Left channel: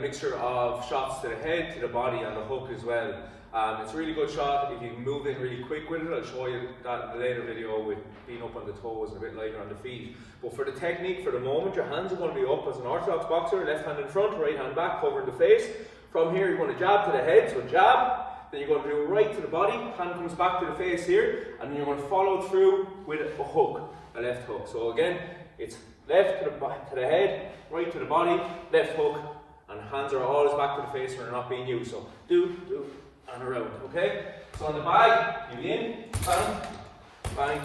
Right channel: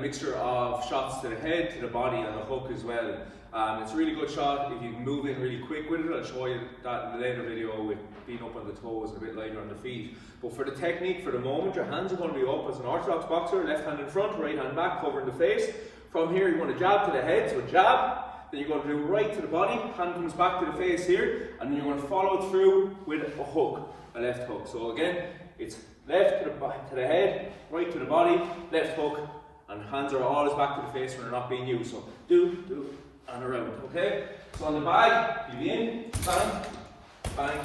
mixture of shots to the head, to the body, and a hook as well. It's a really good shot if you move in really quick with it. I'll show you that in a later video with being up on the toes and a bit lighter on the feet. But for the technique, for the moment, your hands are going to be up as an orthodox boxer, left hand in front, right hand back, covering the face. From here, you're going to jab to the head, so a jab. Then you're going to do right to the body, hand comes back to the face here, and then you're going to follow through with a hook, a left hook. So again, it's left to the head, right to the body, left hook, and hands are always back to the face when they're not being used. So do, and around, okay? So on the bag, you in, bang, bang,